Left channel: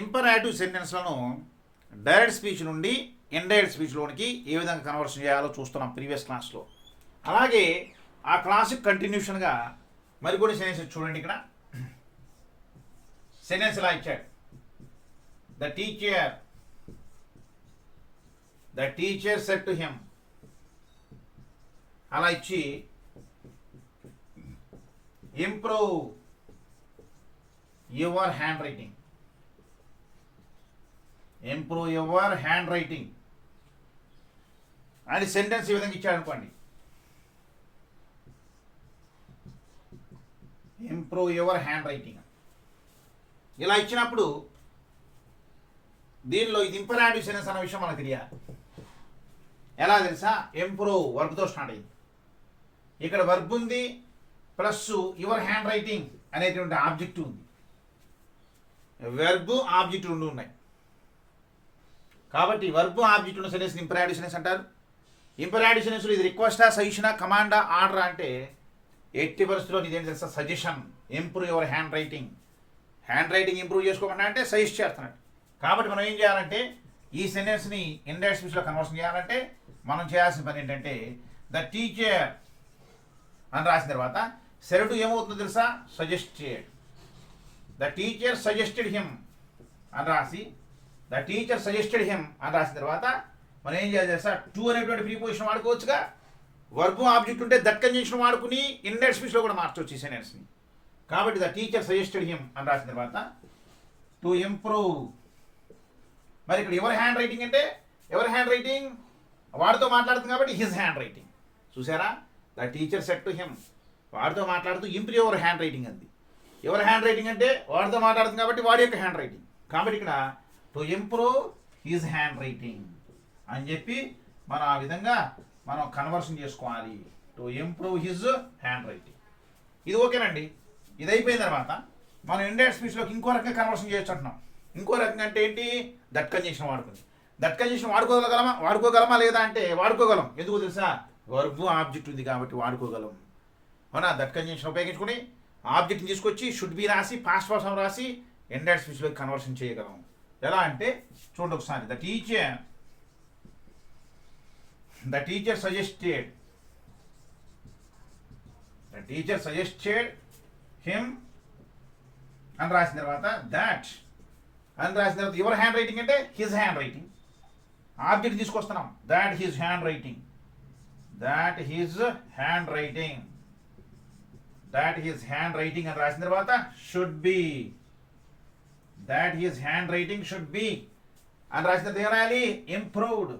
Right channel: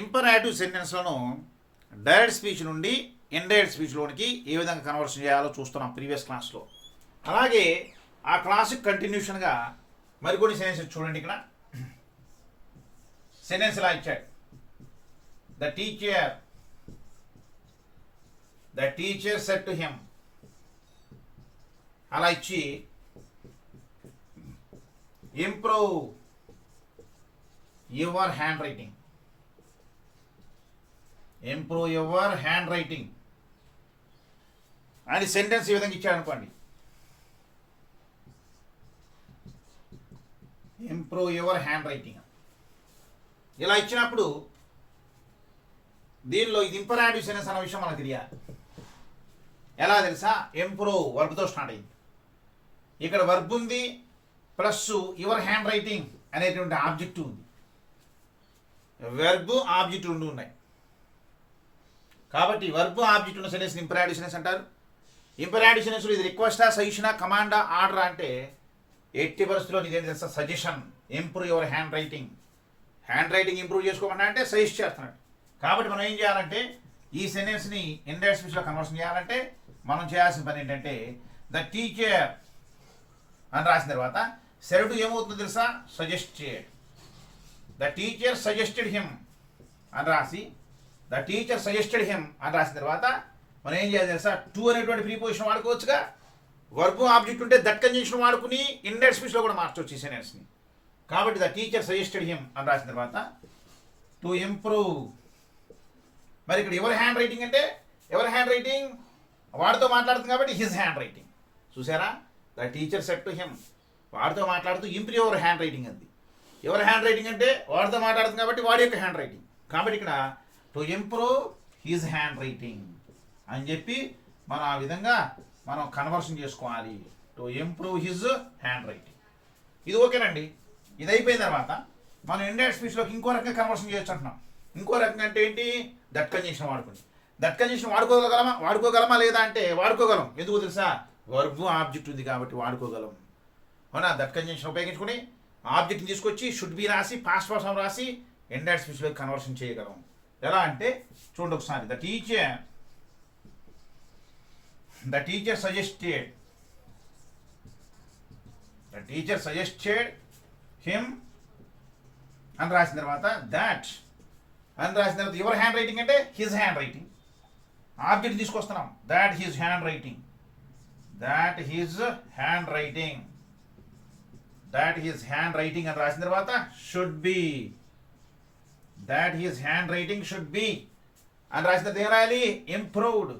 ఇంపరాటివ్ సెంటెన్స్లను direct speech నుండి indirect స్పీచ్లోనికి ఏ విధంగా conversion చేయాలో చూస్తున్నాం ప్రీవియస్ క్లాస్లో. అలాగే ఆ క్లాస్కి కంటిన్యూషన్గా మరికొన్ని సెంటెన్సెస్ చూడండి. ఇక్కడ సెంటెన్స్ ఇలా ఇచ్చాడు, the teacher said to him. అలా ఇచ్చి improve your handwriting, improve your hand writing అని సెంటెన్స్ ఈ విధంగా ఇచ్చాడు అనుకోండి. ఇంప్రూవ్ యువర్ హ్యాండ్ రైటింగ్ ఇలా ఇచ్చినప్పుడు దీనిలో ఇది ఇంపరాటివ్ సెంటెన్స్ అన్న విషయం మనకు తెలియాలి. ఎలా తెలుసా? ఇంప్రూవ్ వర్బ్తో స్టార్ట్ అయింది. ఇక్కడ వర్బ్ ఉంది ప్లస్ యువర్ హ్యాండ్ రైటింగ్ అనేటువంటి ఆబ్జెక్ట్ ఉంది. వెర్బ్ ఆబ్జెక్ట్ రెండు ఉన్నాయి కాబట్టి వర్బ్ ఆబ్జెక్ట్ ఉన్న సెంటెన్స్ ఇంపరాటివ్ సెంటెన్స్ అంటారు. ఇంపరాటివ్ సెంటెన్స్లో ఇది రిక్వెస్టా, సజెషనా, కమాండా, ఆర్డర్ అంటే ఎట్టి పరిస్థితుల్లో ఇదేం తెలుసా? Suggestion. Improve your handwriting, handwriting improve చేసుకోమన్నా అంటే సజెస్ట్ చేస్తున్నాడు. కాబట్టి మనం ఏం చేయాలంటే ఈ సెంటెన్స్ని ఇండైరెక్ట్ స్పీచ్లో కన్వర్షన్ చేయాలంటే మనం చేయాల్సిన పని ఏంటంటే ద టీచర్ అని రాసిన తర్వాత సెడ్ టు ఏమవుతుందో తెలుసా? Suggested. The teacher suggested him అని రాసి ద టీచర్ సజెస్టెడ్ హిమ్ అని రాసిన తర్వాత మనం ఏం చేయాలి తెలుసా? టు అనేటువంటి ప్రీపోజిషన్ వాడుకోవచ్చుగా. వర్బ్ ఆబ్జెక్ట్ ఉంటే దట్ కంజంక్షన్ వాడుకుని ఇండైరెక్ట్ స్పీచ్లో కూడా మార్చవచ్చు ఈ సెంటెన్స్ని. కాబట్టి ద టీచర్ సజెస్టెడ్ హిమ్ అని రాసిన తర్వాత టు ఇంప్రూవ్. మరి ఇక్కడ ఎవరి హ్యాండ్ రైటింగ్ అంటే ఎవరి హ్యాండ్ రైటింగ్? వాడితో మాట్లాడుతుంది కాబట్టి హిజ్ హ్యాండ్ రైటింగ్. చూసారా? The teacher said to him, వాడితో మాట్లాడుతూ ఇంప్రూవ్ యువర్ హ్యాండ్ రైటింగ్ అంది. ఎవరి హ్యాండ్ రైటింగ్ అంటే వాడితో మాట్లాడుతుంది కాబట్టి వాడి యొక్క హ్యాండ్ రైటింగ్. కాబట్టి ఇక్కడ to improve his hand writing అని చెప్పి మనం ఆ విధంగా మనం కన్వర్షన్ చేసుకోవాలి. To improve his hand writing. ఇది ఓకేనండి. ఇది అయిపోయిన తర్వాత మనం ఇండైరెక్ట్ స్పీచ్లోకి ఇంకో రకంగా కన్వర్షన్ చేయొచ్చు అంటున్నాం. ఇంకో రకంగా అంటే ఏంటి? దట్ కంజంక్షన్ వాడుకుంది. దట్ కంజంక్షన్ వాడుకోగలమా లేదా అంటే వాడుకోగలం. ఎందుకు తెలుసా? వర్బ్ ఆబ్జెక్ట్ ఉంది కాబట్టి వాడుకోగలం. అవునా? దట్ కంజంక్షన్ ఉపయోగించుకుని ఆబ్జెక్ట్ని తీసుకొచ్చి షుడ్ బి రాసి పాస్ట్ పర్సన్ రాసి ఇండైరెక్ట్ స్పీచ్లోకి కన్వర్షన్ చేయగలం. ఎలా అంటే చూడండి ఒకసారి. ద టీచర్ సజెస్టెడ్ హిమ్ అని రాసిన తర్వాత దట్ అని రాసిన తర్వాత యువర్ హ్యాండ్ రైటింగ్ అంటే హిజ్ హ్యాండ్ రైటింగ్. ఆబ్జెక్ట్ తీసుకొస్తున్నాం. దాట్ హిజ్ హ్యాండ్ రైటింగ్ అని రాసిన తర్వాత should be. That his hand writing should be అని రాసిన తర్వాత ఏం రాయాలి? Improved.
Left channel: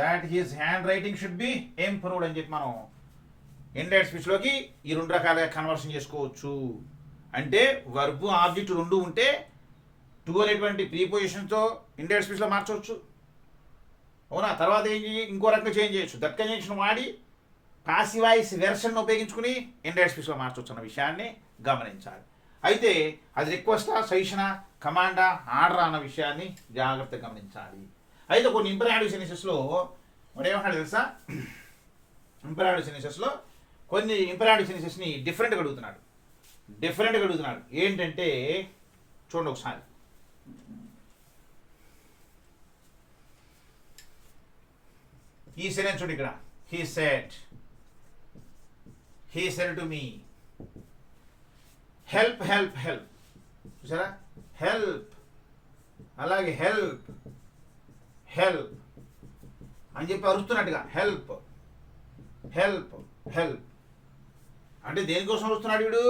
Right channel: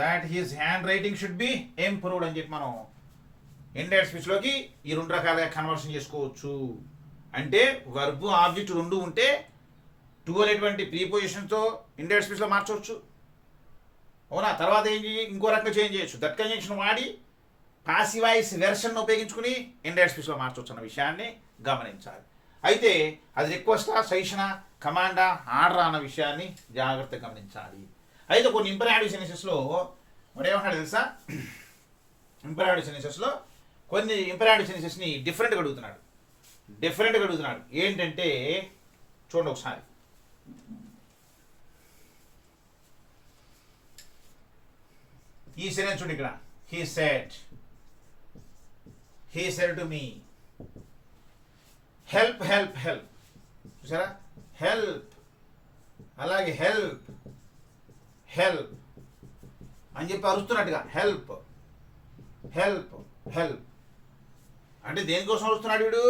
That his hand writing should be improved అని చెప్పి మనం ఇండైరెక్ట్ స్పీచ్లోకి ఈ రెండు రకాలుగా కన్వర్షన్ చేసుకోవచ్చు. అంటే వర్బ్ ఆబ్జెక్ట్ రెండు ఉంటే టు అనేటువంటి ప్రీపోజిషన్తో ఇండైరెక్ట్ స్పీచ్లో మార్చవచ్చు. అవునా? తర్వాత ఇంకో రకంగా చేంజ్ చేయొచ్చు. దట్ కంజంక్షన్ వాడి పాసివ్ వాయిస్ వెర్షన్ ఉపయోగించుకుని ఇండైరెక్ట్ స్పీచ్లో మార్చవచ్చు అన్న విషయాన్ని గమనించాలి. అయితే అది రిక్వెస్టా, సజెషనా, కమాండా, ఆర్డర్ అన్న విషయాన్ని జాగ్రత్తగా గమనించాలి. అయితే కొన్ని ఇంపరాటివ్ సెంటెన్సెస్లో మరి ఏమంటాడు తెలుసా? ఇంపరాటివ్ సెంటెన్సెస్లో కొన్ని ఇంపరాటివ్ సెంటెన్సెస్ని డిఫరెంట్గా అడుగుతున్నాడు. ఏంటంటే చూడండి ఒకసారి. ఈ సెంటెన్స్ చూడండి ఇక్కడ. He said to me. Help. చూసారా? హెల్ప్. అలాగే హెల్ప్ అని చెప్పి అరుస్తున్నట్టుగా హెల్ప్ అంటే దేనికోసం అరుస్తున్నాడు వీడు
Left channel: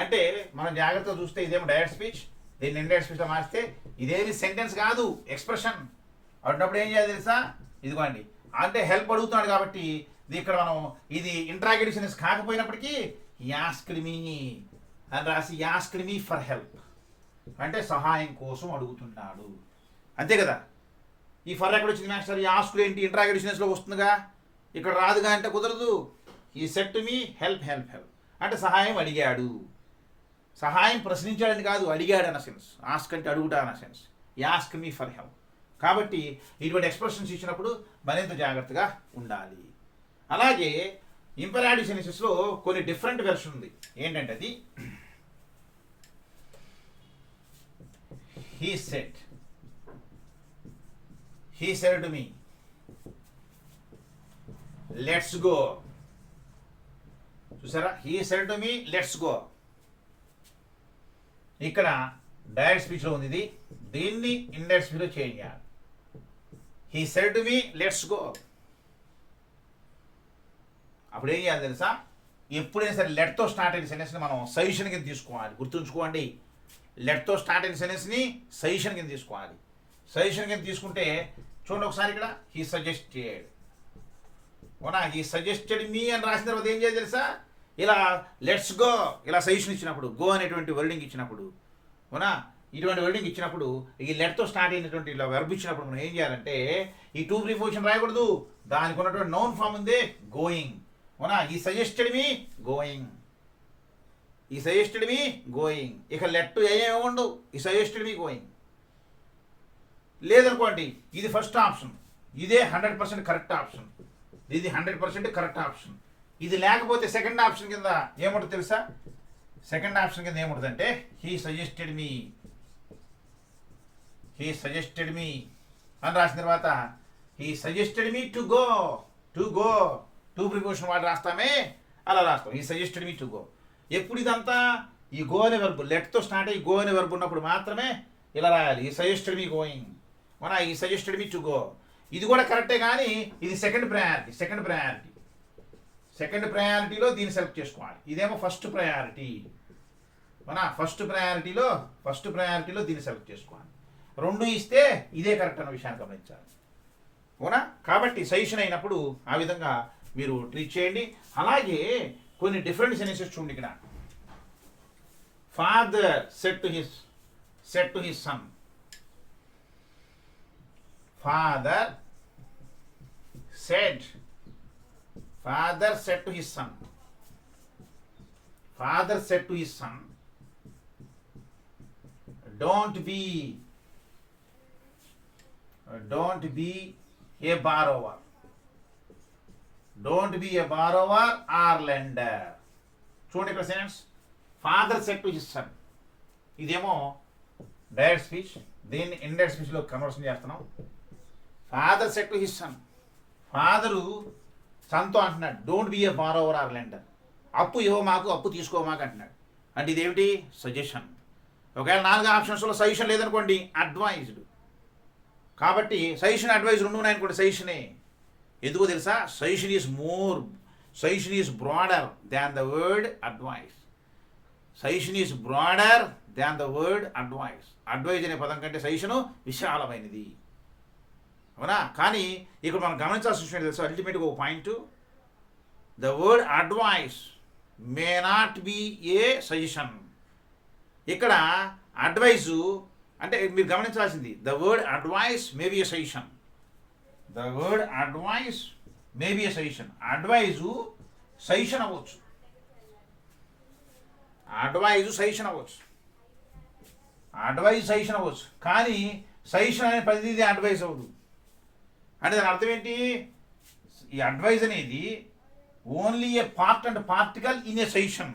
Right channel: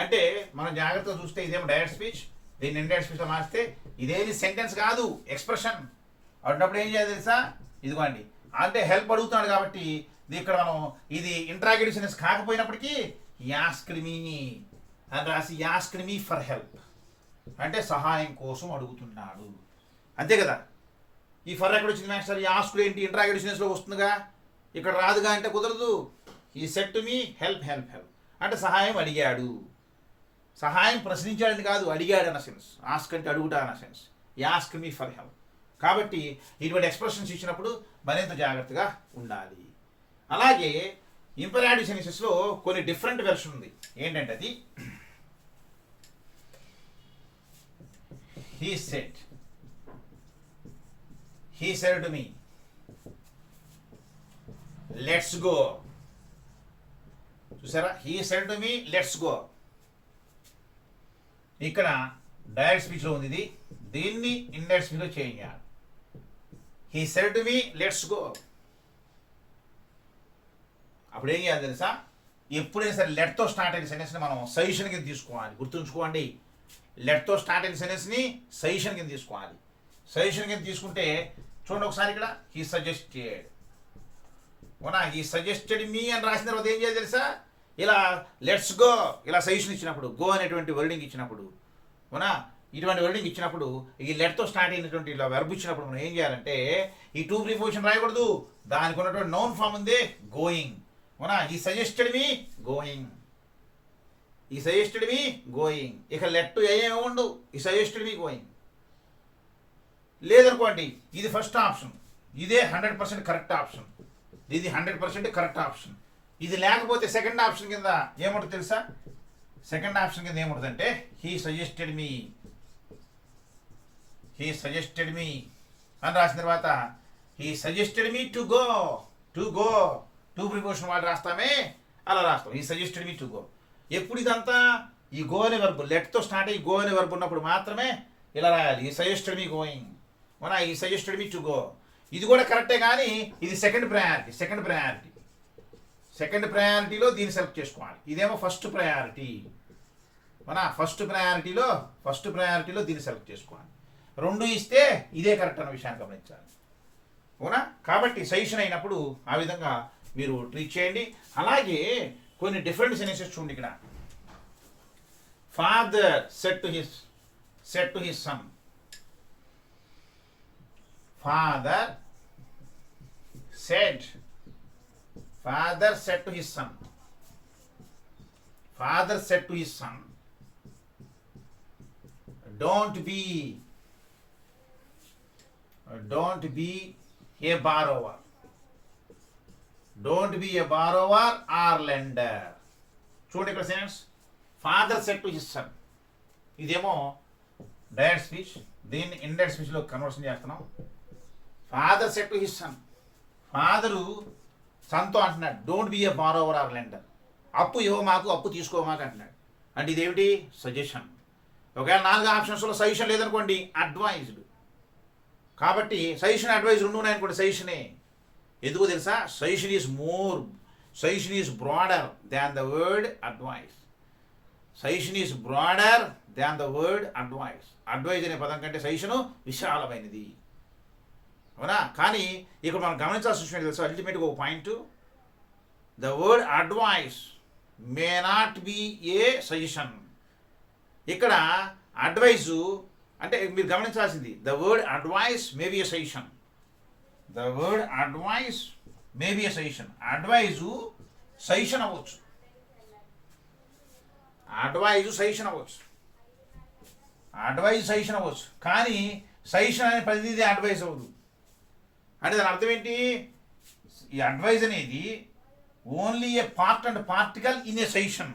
అంటే మనం జాగ్రత్తగా చూస్తే ఇదేమో డైరెక్ట్ స్పీచ్, దీన్ని ఇండైరెక్ట్ స్పీచ్లో మారిస్తే ఇదేమి సెంటెన్స్ కాదు, ఎక్స్ప్రెషన్. అన్నప్పుడు ఏం చేయాలి తెలుసా? ఇదిగోండి. అంటే హెల్ప్ అడుగుతున్నాడు కాబట్టి ఇక్కడ మనం ఇది ఇంట్రాగేటివ్ సెంటెన్స్ కాకపోయినప్పటికీ యాస్క్డ్ మీ అని రాసి యాస్క్డ్ మీ ఫర్ హెల్ప్ అంటే సహాయం కోసం అడుగుతున్నాడు. అంతే కదా? ఈ ఫర్ ఎక్కడ వచ్చింది మాస్టర్? ఈ ఆస్క్డ్ ఏంటి? ఇంట్రాగేటివ్ సెంటెన్స్లో వస్తుందిగా, ఇక్కడ రాదుగా అంటే కుదరదు. ఈ సెడ్ టు మీ హెల్ప్ అంటే సహాయం అడిగాడు. సహాయం ప్రశ్నించాడని కాదు, అడిగాడు అన్న సెన్స్. ఆస్క్ అంటే అడుగుతా అన్న sense. Ask me for help. కాబట్టి ఇటువంటి ఎక్స్ప్రెషన్స్ ఇచ్చినప్పుడు మరింత జాగ్రత్తగా ఉండాలి. అలాగే ఇంపరాటివ్ సెన్సెస్లో కొన్ని డిఫరెంట్ వెర్షన్ ఉంది. ఏంటంటే అది he said to me, let's go. చూసారా, he said to me, let's go. ఇక్కడ డైరెక్ట్ స్పీచ్లో ఉంది ఇది, దీన్ని ఇండైరెక్ట్ స్పీచ్లో చేంజ్ చేయాలి. he said to me, let's go. అప్పుడు ఏం చేయాలి తెలుసా, ఎప్పుడైనా సరే లెట్తో స్టార్ట్ అయిన సెంటెన్స్ని మనం సజెషన్ కింద తీసుకోవాలి. గుర్తుంచుకోండి, లెట్తో స్టార్ట్ అయిన సెంటెన్స్ని సజెషన్ కింద తీసుకోవాలి. సజెషన్ కింద తీసుకుంటే చూడండి ఒకసారి ఇక్కడ, హీ సజెస్టెడ్. అవునా, హీ సజెస్టెడ్ మీ అని రాసిన తర్వాత ఏం చేయాలి తెలుసా, ఇలా లెట్స్ గో ఇలా సజెషన్ ఇచ్చినప్పుడు, గో అనేటువంటి వర్డింగ్ ఇచ్చినప్పుడు, అవునా, ఇటువంటి వర్డింగ్ ఇచ్చినప్పుడు ఈ లెట్తో స్టార్ట్ అయినటువంటి ఇలా వెర్బ్ ఇచ్చినప్పుడు మనం ఏం చేయాలంటే ఈ టు ప్రిపోజిషన్ రాయకూడదు, దానికి ఉన్నటువంటి నౌన్ ఫామ్ ఉంది గోయింగ్. అవునా, ఈ సజెస్టెడ్ మీ గోయింగ్, ఈ సజెస్టెడ్ మీ గోయింగ్. ఇక లెట్ ఏమేమి ఉండవు, ఈ సజెస్టెడ్ మీ గోయింగ్. లేదనుకోండి, ఇది ఫస్ట్ ఆప్షన్, ఇదే 100% కరెక్ట్ ఆప్షన్, ఇది 100% కరెక్ట్ ఆప్షన్. ఇది లేకపోతే సెకండ్ ఆప్షన్ కింద ఏముంటుంది తెలుసా, సెకండ్ ఆప్షన్ కింద ఏముంటుంది అంటే he suggested me, he suggested me అని రాసిన తర్వాత he suggested me to go, to go two preposition వాడు రాస్తామే అలా రాస్తాం, he suggested me to go. ఎప్పుడు ఇదంతా ఈ గో అనే వెర్బ్ లెట్తో స్టార్ట్ అయ్యి గో అనే వెర్బ్ ఉన్నప్పుడు మాత్రమే ఇలా రాయాలి, ఈ సజెస్టెడ్ మీ గోయింగ్. అవునా, ఈ సజెస్టెడ్ మీ టు గో. ఇది కూడా కరెక్టే, కానీ ఇది second priority, second priority, second ప్రయారిటీలో దీన్ని సెలెక్ట్ చేసుకోవాలి. ఇదేమో ఫస్ట్ ప్రయారిటీ. అవునా, ఫస్ట్ ప్రయారిటీలో దీన్ని సెలెక్ట్ చేసుకోవాలి. రెండు ఇస్తే ఇదే కరెక్ట్ అన్న విషయాన్ని గమనించాలి. అవునా, కాబట్టి సజెషన్ అయినప్పుడు ఆ విధంగా మీరు ట్రీట్ చేయండి. అలాగే కొన్ని డిఫరెంట్ సెన్సెస్ చూడండి ఇక్కడ. Father said to his sun, father said to his son, father said to his son, don't be a borrower, don't be a borrower or lender. చూడండి ఇక్కడ sense, father said to his son, ఇదేమో direct speech, దీన్ని indirect స్పీచ్లో conversion చేస్తున్నాం. Father said to his son, father సన్తో అంటున్నాడు don't be a borrower or lender, అప్పు ఇవ్వ మాకు, అప్పు తీసుకో మాకు అంటున్నాడు. అంటే ఇదేమిటి, సజెషన్. ఒకవేళ 4 ఆప్షన్స్లో సజెషన్ లేదనుకోండి, అడ్వైజ్డ్. కాబట్టి సజెషన్ అడ్వైజ్ రెండు ఉన్నాయనుకోండి, సజెషనే. ఎందుకో తెలుసా, suggestion is broader than the word advice. Suggestion is broader than the word advice. Advise అనే పదం కంటే సజెషను విశాలమైనది. అవునా, కానీ ఇక్కడ మనం గమనించాల్సిన విషయం తెలుసు, అల్టిమేట్గా ఒక point, the word advice may not be A suggestion. ఇక్కడ అడ్వైజు అంటే మీరు గమనించాల్సింది, the word advice may be A suggestion, the word advice may be A suggestion. Advice suggestion అవ్వచ్చు, అడ్వైజు సజెషన్ అవ్వచ్చు, అడ్వైజ్ సజెషన్ అవ్వచ్చు, కానీ సజెషన్ అనే ప్రతిదీ అడ్వైజ్ అవ్వదు. అంటే దాని అర్థం ఏంటి, ఈ అడ్వైజ్ అనేది only a part and particle in a suggestion,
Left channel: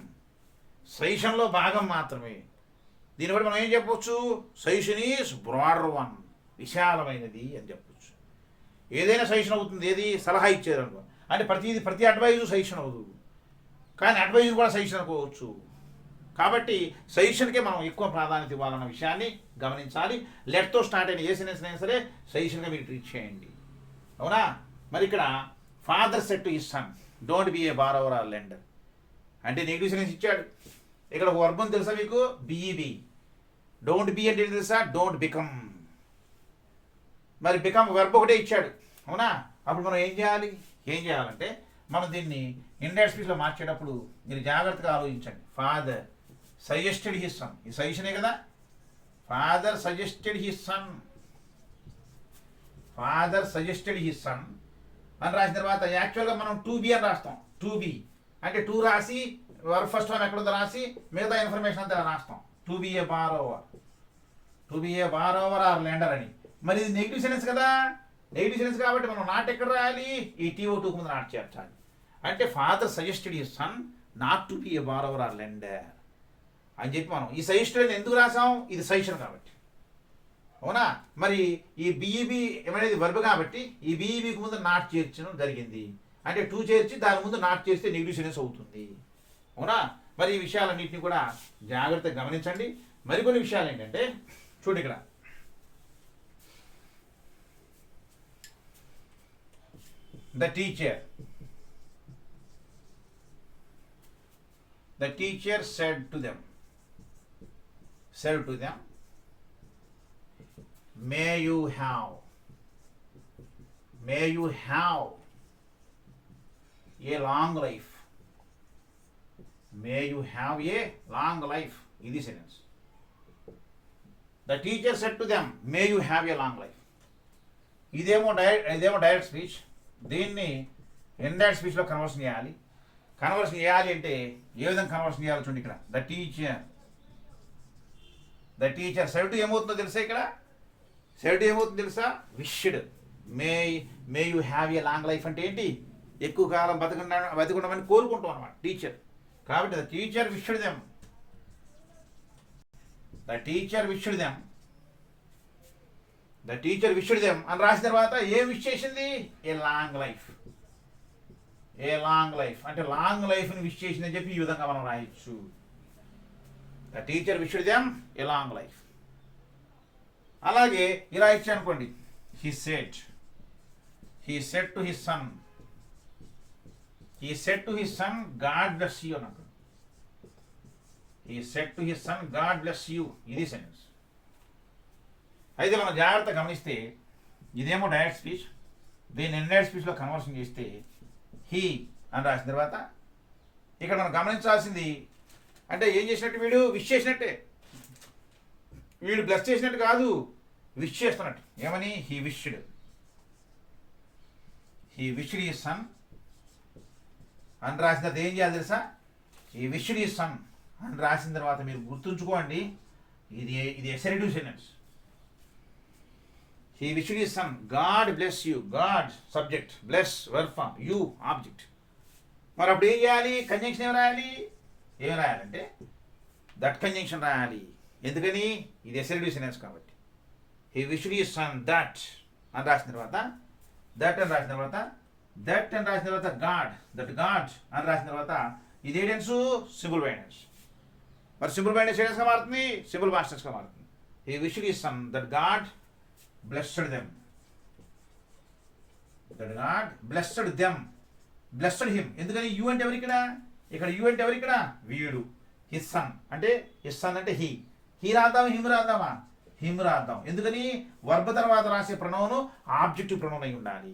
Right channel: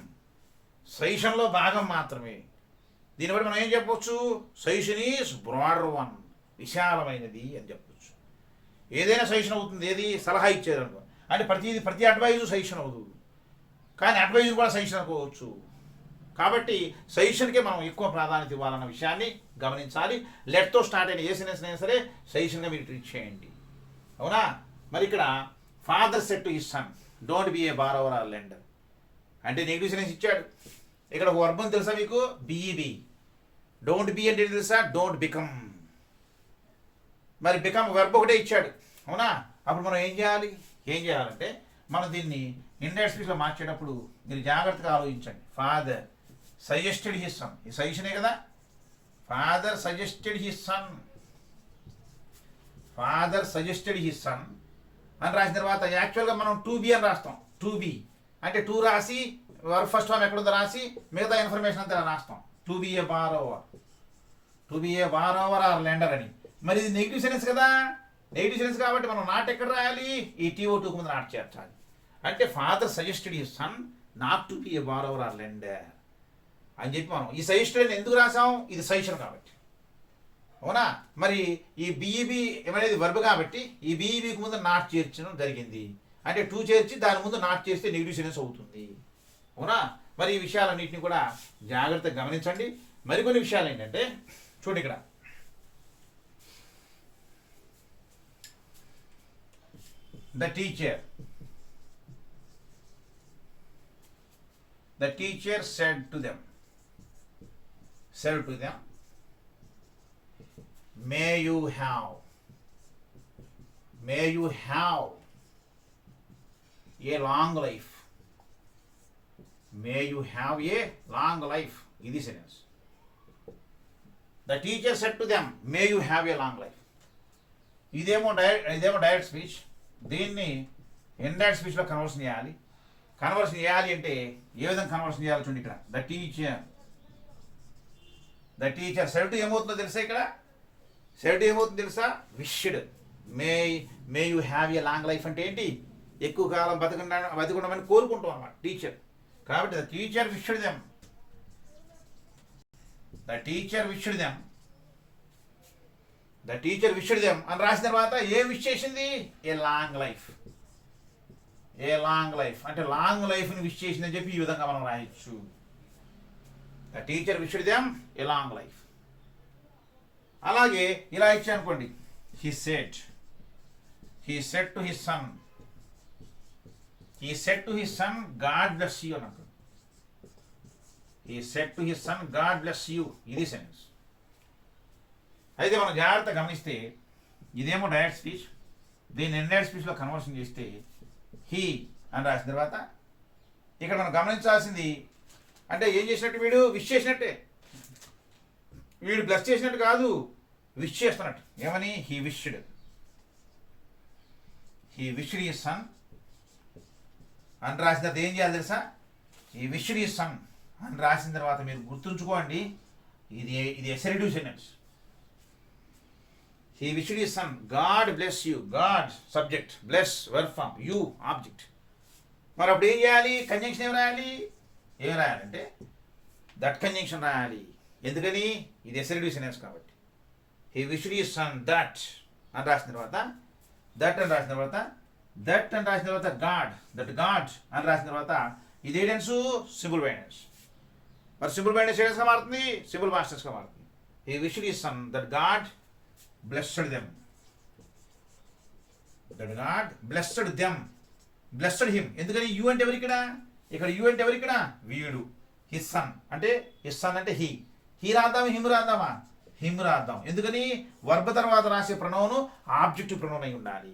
సజెషన్లో భాగం మాత్రమే. దీన్ని బట్టి మనం ఏం చెప్పవచ్చు, సజెషన్ ఈజ్ బ్రాడర్ వన్, విశాలమైనది అని చెప్పచ్చు. ఏదైనా సజెషన్ అవుతుంది, ఏది సలహా ఇచ్చారనుకో, అంటే ప్రతి అడ్వైజు సజెషన్ అవుతుంది, కానీ అడ్వైజ్ కూడా సజెషన్ అనుకోవచ్చు. కాబట్టి సజెషన్కే మనం ఎక్కువ ప్రాధాన్యత ఇవ్వాలన్న విషయాన్ని గమనించాలి. లెట్తో స్టార్ట్ అయిన ఏ సెంటెన్స్ అయినా సరే సజెషన్గా మీరు ట్రీట్ చేయండి. అవునా, మరి ఇక్కడ father said to his son don't be a borrower or lender అంటే నెగిటివ్ సెన్స్ ఇచ్చాడు. ఇక్కడ ఒక వర్బం తెలుసా మీకు, బిఈబి. డోంట్ బి అంటే తెలుసా, డోంట్ బికమ్. మరి బికమ్ వెర్బ్ ఒకటే ఇచ్చాడు. అవునా, అప్పుడు మనం ఏం చేయాలంటే మనం దీన్ని ఇండైరెక్ట్ స్పీచ్లో మార్చేటప్పుడు మీరు జాగ్రత్తగా ఆలోచించండి. ఫాదర్ సజెస్టెడ్ హిస్ సన్, ఈ సజెషనే కదా, father suggested his sun, father suggested his sun అని రాసిన తర్వాత యాక్చువల్గా మనం 2B అని రాస్తాం. 2B అంటే 2 రాసి వర్బ్ ఫస్ట్ ఫామ్ ఎక్కడుందో రాసి మిగతా ఇన్ఫర్మేషన్ అంతా రాస్తాం. To be a borrower or lender అని. మరి ఇది నెగిటివ్ సెన్స్ కదా, నెగిటివ్ సెన్స్ కాబట్టి మనం నాట్ ఎక్కడ రాయాలి, ఈ TO2 ముందు నాట్ చేర్చాలి. అంటే father suggested his son not to be a borrower or lender అని చెప్పి మనం ఈ సజెస్టెడ్ ఎందుకు రాసాం, ఇది సజెషన్ కాబట్టి. అవునా? మరి ఈ బీఈబీ అనేది వర్బ్ కాబట్టి ఈ బీఈబీకి ముందు నాట్ చేర్చడం జరిగింది. అంటే టు చేర్చి దాని ముందు నాట్ చేస్తే నెగిటివ్ సెంటెన్స్ అవుతుంది. అవునా? మరి ఈ విషయాలన్నింటినీ కూడా జాగ్రత్తగా గమనించండి. మరికొన్ని విషయాలు ఏంటంటే చూడండి ఇక్కడ the teacher said to them may you have a long life. May you have a long life. ఇది sentence. The teacher said to them may you have a long life. ఇదేమో డైరెక్ట్ స్పీచ్. దీన్ని indirect స్పీచ్లో conversion చేయాలి. Conversion చేయాలి అంటే ఏ విధంగా conversion చేయాలి చూడండి ఇక్కడ. ద టీచర్ సెడ్ ఏమవుతుందో తెలుసా? ఇక్కడ సెడ్ ఏమవుతుందో తెలుసా? Wished. May you have a long life అంటే ఏంటి? ఎక్కువ కాలం బతికుండమని కోరుకుంటాం అనమాట టీచర్. కాబట్టి ద టీచర్ విష్డ్ దెమ్ అని రాసిన తర్వాత ఏం విష్ చేసింది? ఏ లాంగ్ లైఫ్ అంటే లాంగ్ లైఫ్ని విష్ చేసిందని చెప్పి ఈ విధంగా మనం రాయొచ్చు. The teacher wished them a long life. అలాగే ఇలా ఇచ్చా అనుకోండి. he said to his son God bless you అని అంటాడు. he said to his son God bless you. ఇది సెంటెన్స్. అయితే మనం జాగ్రత్తగా గమనిస్తే ఇదేమో డైరెక్ట్ స్పీచ్. దీన్ని ఇండైరెక్ట్ స్పీచ్లో కన్వర్షన్ చేస్తే హీ అని రాసిన తర్వాత ఇక్కడ మనం గమనించాల్సింది అంటే ఏం చేసినట్టు? వీడు విష్ చేసినట్టే. వీడు బ్లెస్ చేసినట్టు కాదు, విష్ చేస్తున్నట్టు. ఏమని? హీ విష్డ్ హిస్ సన్ అని రాసిన తర్వాత ఏం చేయాలి తెలుసా? ఈ విష్డ్ హిస్ సన్ అని రాసిన తర్వాత మీరు గుర్తుంచుకోండి, ఇది assertive sentence. He wished his son God bless you. God subject, bless verb form, you object. మరి అప్పుడు ఏం చేయాలి? కంజంక్షన్ ఏం రాయాలంటే దట్ కంజంక్షన్ రాయాలి. ఎందుకని? ఇది ఎసరిటివ్ సెంటెన్స్ కాబట్టి. He wished his sun that అని రాసిన తర్వాత దట్ అని రాసిన తర్వాత గాడ్ అని రాసిన తర్వాత ఇది ఏ టెన్స్? Simple by tense. మరి సింపుల్ బై టెన్స్ గా మారుతుంది, సింపుల్ పాస్ట్ టెన్స్ గా మారుతుంది. He wished his sun that God blessed them. Blessed him. ఎందుకని? యూ అంటే ఎవరు ఇక్కడ? యూ అంటే ఎవరు ఇక్కడ? వీడు. హిస్ సన్ అంటే హీ రాద్దామా హిమ్ రాద్దాం. ఎందుకని? వర్బ్ తర్వాత రాసే ప్రణౌను ఆబ్జెక్టివ్ ప్రణౌన్ అయి ఉండాలి.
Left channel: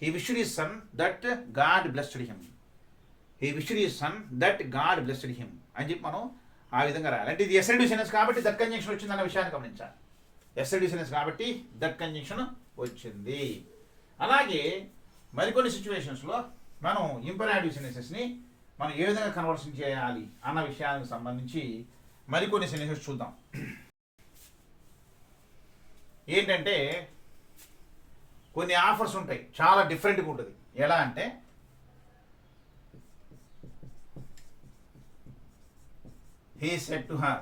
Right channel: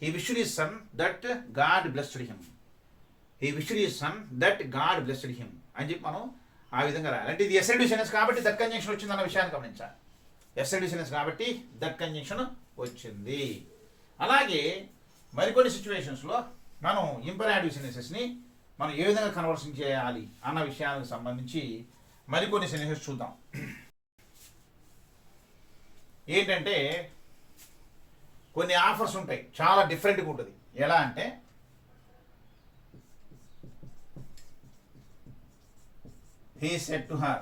He wished his sun that God blessed him అని చెప్పి మనం ఆ విధంగా రాయాలి. అంటే ఇది ఎసరిటివ్ సెంటెన్స్ కాబట్టి దట్ కంజంక్షన్ వచ్చిందన్న విషయాన్ని గమనించాలి. ఎసరిటివ్ సెంటెన్స్ కాబట్టి దట్ కంజంక్షన్ వచ్చింది. అలాగే మరికొన్ని సిచ్యువేషన్స్లో మనం ఇంపరాటివ్ సెంటెన్సెస్ని మనం ఏ విధంగా కన్వర్షన్ చేయాలి అన్న విషయానికి సంబంధించి మరికొన్ని సెంటెన్సెస్ చూద్దాం. ఏంటంటే కొన్ని ఆఫర్స్ ఉంటాయి, చాలా డిఫరెంట్గా ఉంటుంది. ఎలా అంటే he said to her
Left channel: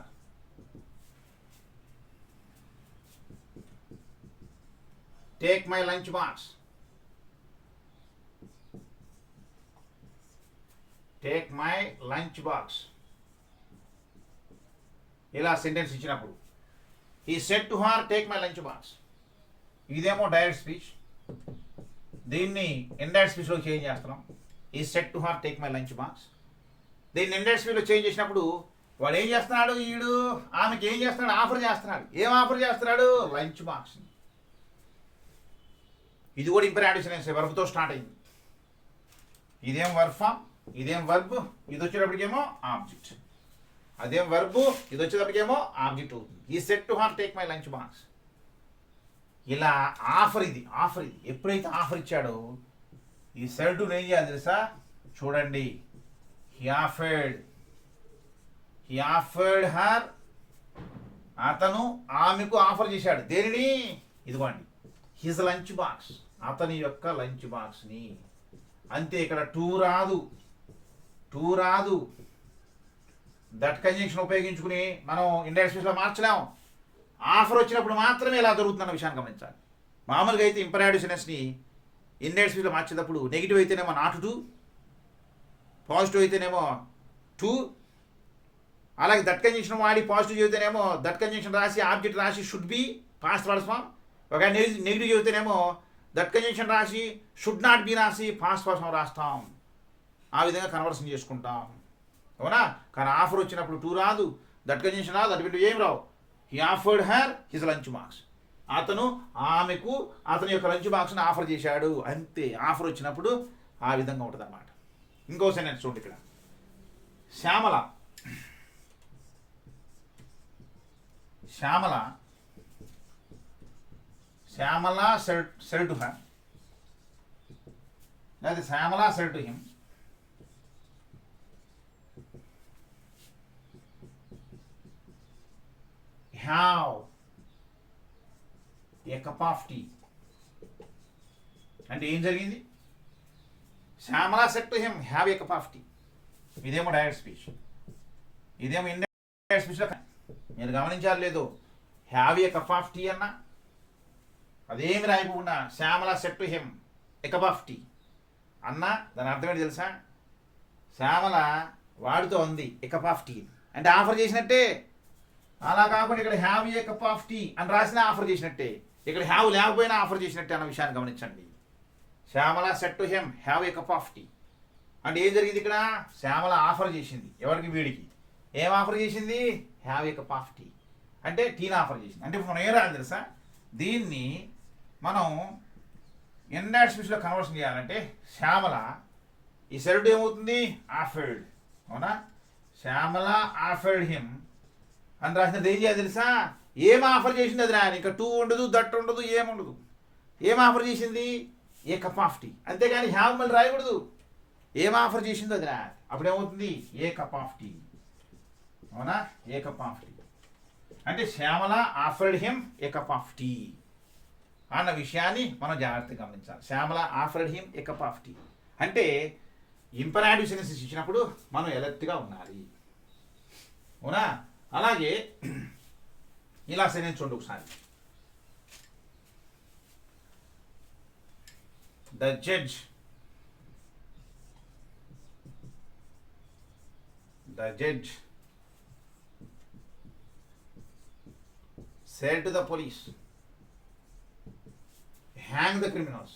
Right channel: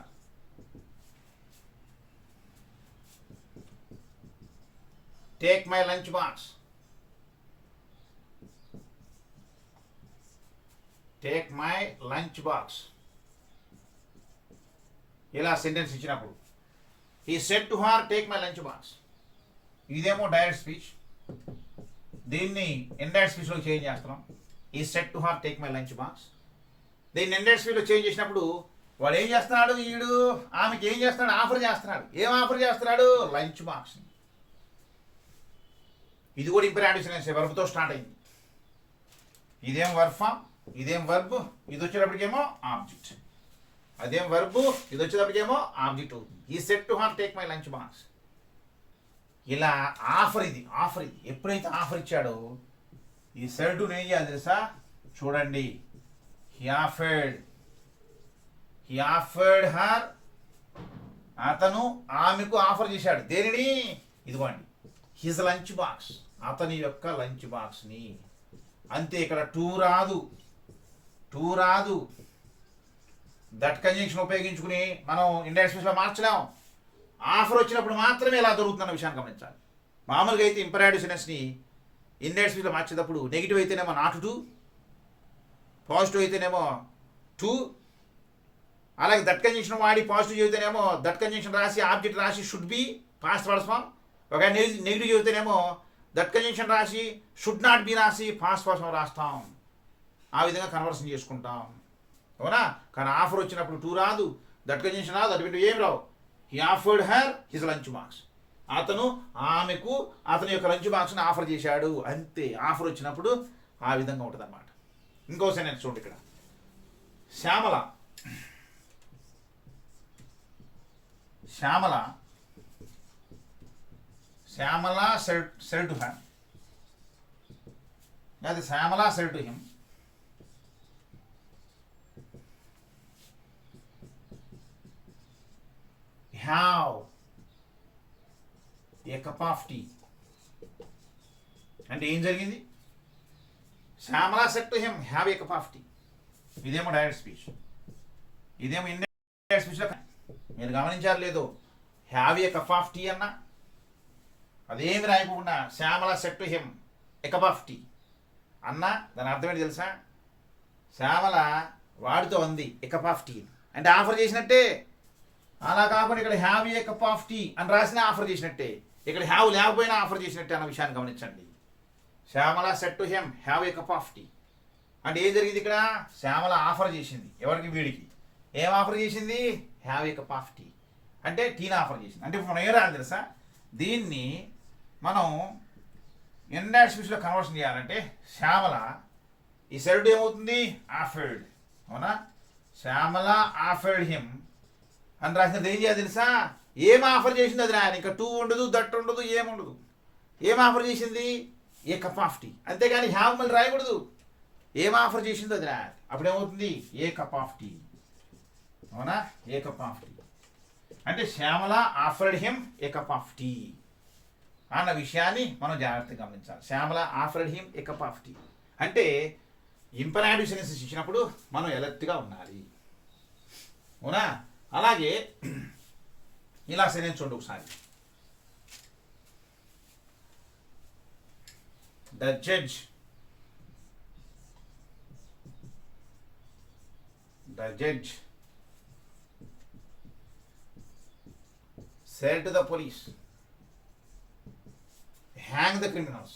take my lunch box. ఇలా సెంటెన్స్ ఇచ్చినప్పుడు he said to her take my lunch box. ఇదేమో డైరెక్ట్ స్పీచ్. దీన్ని ఇండైరెక్ట్ స్పీచ్లో చేంజ్ చేస్తున్నాం. he said to her take my lunch box. దీన్ని ఇండైరెక్ట్ స్పీచ్లో చేంజ్ చేసినప్పుడు వాడు ఏం చేస్తున్నాడు? వీడు ఆమెకి ఏం చేస్తున్నాడు? ఆఫర్ చేస్తున్నాడు. ఏం ఆఫర్ చేస్తున్నాడు? Lunch box. ఇది కూడా ఇంపరాటివ్ సెంటెన్స్, వర్బ్తో స్టార్ట్ అయింది. ఇదేం వర్బ్ ఫామ్, ఇదేం వర్బ్, ఇది వచ్చేటప్పటికేమో ఆబ్జెక్ట్. అదేం వర్బ్, ఇది వచ్చేటప్పటికేమో ఆబ్జెక్ట్ అవుతుంది. ఈ set to her take my lunch box. ఇలా ఆఫర్ ఇది ఎప్పుడైతే ఆఫర్ ఇచ్చాడో ఈ సెట్ టు ఏం చేయాలి తెలుసా? చూడండి, హీ ఆఫర్డ్ హర్. అతను ఆమెకు ఆఫర్ చేశాడు. దేనిని? ఇదిగోండి, హిజ్ లంచ్ బాక్స్, అతని యొక్క లంచ్ బాక్స్ని. అంతే, ఇక్కడ టూ రాదు. దట్ కంజంక్షన్ ఉపయోగించుకుని మనం ఇండైరెక్ట్ స్పీచ్లో మార్చలేం. ఆఫర్ వచ్చినప్పుడు మాత్రమే ఇలా జరుగుతుందన్న విషయాన్ని గమనించాలి. మామూలుగా అయితే ఇంపరాటివ్ సెనెన్స్ని ఇండెక్స్ స్పీచ్లో మార్చేటప్పుడు నెగిటివ్ అయితేనేమో నాట్ టు, పాజిటివ్ అయితేనేమో టు, అలాగే దట్ కంజంక్షన్ వాడి పాజిటివ్ చదివితేనేమో దట్ కంజంక్షన్ రాసి ఆబ్జెక్ట్ రాసి షుడ్ బి పాస్ట్ పర్స్ ఫామ్. ఒక నెగిటివ్ చదివితేనేమో దట్ కంజంక్షన్ రాసి షుడ్ నాట్ బి రాసి పాస్ట్ పర్స్ ఫామ్ రాస్తాం. ఆ విధంగా కన్వర్షన్ చేసుకుంటాం, అవునా? కానీ ఆఫర్ వచ్చినప్పుడు టూ రాదు, దట్ కంజంక్షన్ రాదు, అటు ఏం రావు. He offered her his lunch box. అతను ఆమెకు అతని యొక్క లంచ్ బాక్స్ని ఆఫర్ చేశాడు, అంతే. ఆఫర్ వచ్చినప్పుడు ఆ విధంగా ఉంటుంది అన్నమాట. ఇంకో సెంటెన్స్ చూడండి ఇక్కడ. Shyamala Shyamala Shyamala said to her, లేదా Shyamala said to him, have a cup of tea. అంటే ఏం జరిగింది? Shyamala said to him, have a cup of tea. ఇదేమో డైరెక్ట్ స్పీచ్, ఇదేమో ఇండైరెక్ట్ స్పీచ్లో. మీరు గమనించారు లేదు, have a cup of tea అన్నా అదేమి రాయకుండా Shyamala said to him a cup of tea అన్నా దాని అర్థం ఏంటి తెలుసా? శ్యామల వాడితో ఉంది ఏ కప్ ఆఫ్ టీ అంటే ఆఫర్ చేసినట్టే. అలా కాకుండా ఇక్కడ have a cup of tea అని రాసినా ఆఫర్ చేసినట్టే, ఇక్కడ హ్యావ్ లేకపోయినా ఆఫర్ చేసినట్టే అన్న విషయాన్ని గమనించండి. Shyamala said to him have a cup of tea అంటే ఏం జరిగింది ఇక్కడ? శ్యామల ఆఫర్ చేసింది ఎవరికి? వీడికి. ఏం ఆఫర్ చేసింది? Have a cup of tea అంటే టీని ఆఫర్ చేసింది. అంటే ఇప్పుడు మనం ఏ రాయాలి తెలుసా? దీన్ని మనం ఇండైరెక్ట్ స్పీచ్లో కన్వర్షన్ చేయాలంటే శ్యామల ఈ సెడ్ ఏమవుతుంది? ఆఫర్డ్, అవునా? శ్యామల ఆఫర్డ్ హిమ్ అని రాసినది ఏం చేయాలి తెలుసా? ఏం ఆఫర్ చేసింది అది రాయాలి. ఇంకా టూ ఉండదు, దట్ ఉండదు, ఏముండదు. ఏం ఆఫర్ చేసింది? A cup of tea. అంతేగాని హ్యావ్ మళ్ళీ రాయకూడదు. ఏం ఆఫర్ చేసిందో అది రాయాలి. అప్పుడేమవుతుంది? ఏ కప్ ఆఫ్ టీ, అవునా? ఏ కప్ ఆఫ్ టీ అంటే Shyamala offered him a cup of tea అన్న విషయాన్ని మనం జాగ్రత్తగా గమనించాలి. Shyamala offered him a cup of tea అంటే ఇంపరాటివ్ సెన్సెస్ ఇచ్చినప్పుడు మనం ఎలర్ట్గా ఉండాలి, అవునా? అలాగే ఇలా సెన్స్ చూడండి ఒకసారి. The judge said to the police, hang the criminals.